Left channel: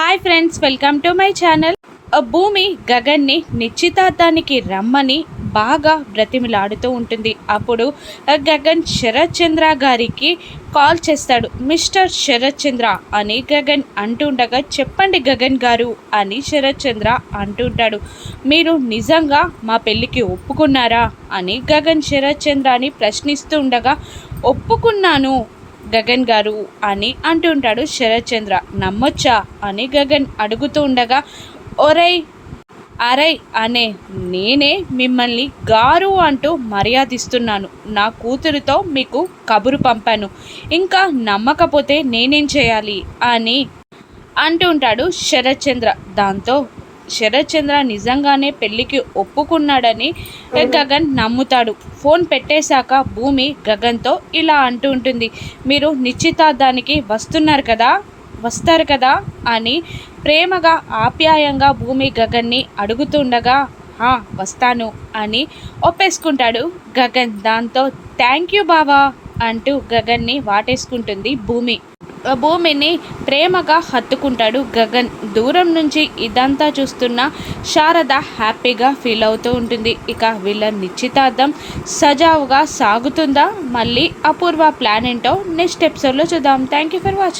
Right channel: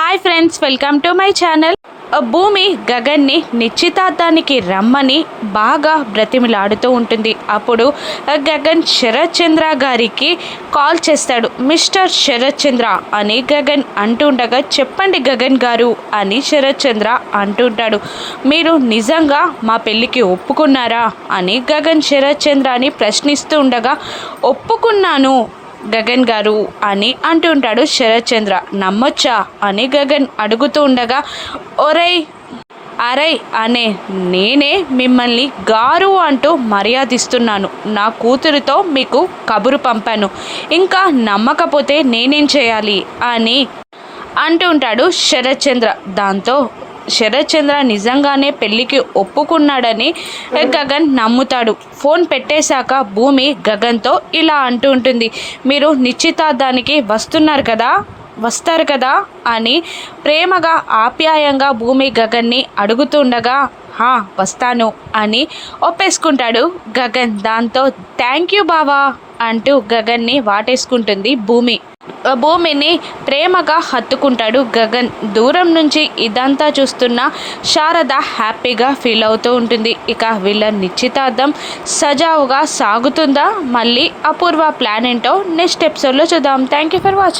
Hi friends welcome to my channel. Bhumi గగన్ని నిశ్చితార్థానికి రమ్మని బాగా బ్రతిమిలాడుతూ ఉంటుంది. అప్పుడు ఆ, గగన్ శరత్ చంద్ర గారికి కాల్ చేస్తాడు. మిస్టర్ శరత్ చంద్ర అని గగన్ అంటుండగా చెప్పండి గగన్ గారు అని శరత్ చంద్ర అంటుంటాడు. మీరు నిజంగా మా పెళ్ళికి ఒప్పుకున్నారా అని గగన్ శరత్ చంద్ర అని ప్రశ్నిస్తూ ఉండగా ఒప్పుకున్నాను గగన్ గారు అని అంటుంటాడు శరత్ చంద్ర. నమ్మొచ్చా? అని గగన్ అడుగుతూ ఉండగా ఒరై అరై అనే నేనే మిమ్మల్ని గారు అంటూ మర్యాదిస్తున్నాను. నా కూతురితో మీకు కబురు పంపాను. ఇంకా నమ్మకపోతే నేనేం చేయాలి? అని అంటుంటాడు శరత్ చంద్ర. దాంతో శరత్ చంద్ర నిజంగానే పెళ్ళికి ఒప్పుకున్నాడని గగన్ నమ్ముతాడు. ఫోన్ పెట్టేశాక భూమి గగన్తో ఇలా అంటూ ఉంటుంది. మీరు నిశ్చితార్థానికి వస్తున్నారు కదా? వస్తారు కదా? అని ప్రేమగా ఆప్యాయంగా భూమి గగన్ని అడుగుతుండగా "హా, వస్తాను అని ఒప్పేసుకుంటాడు గగన్. దాంతో థ్యాంక్ యూ బావా అంటూ గగన్ని వాటేసుకుంటుంది భూమి. భూమిని ప్రేమగా హత్తుకుంటాడు గగన్. దూరం నుంచి ఇదంతా చూస్తున్న శారద హ్యాపీగా ఫీల్ అవుతూ ఉంటుంది. ఇక వీళ్ళ నిశ్చితార్థం సజావుగా సాగుతుందా? మళ్ళీ అపూర్వ ప్లాన్ ఏంటో నెక్స్ట్ ఎపిసోడ్లో చూద్దాం. Thank you for watching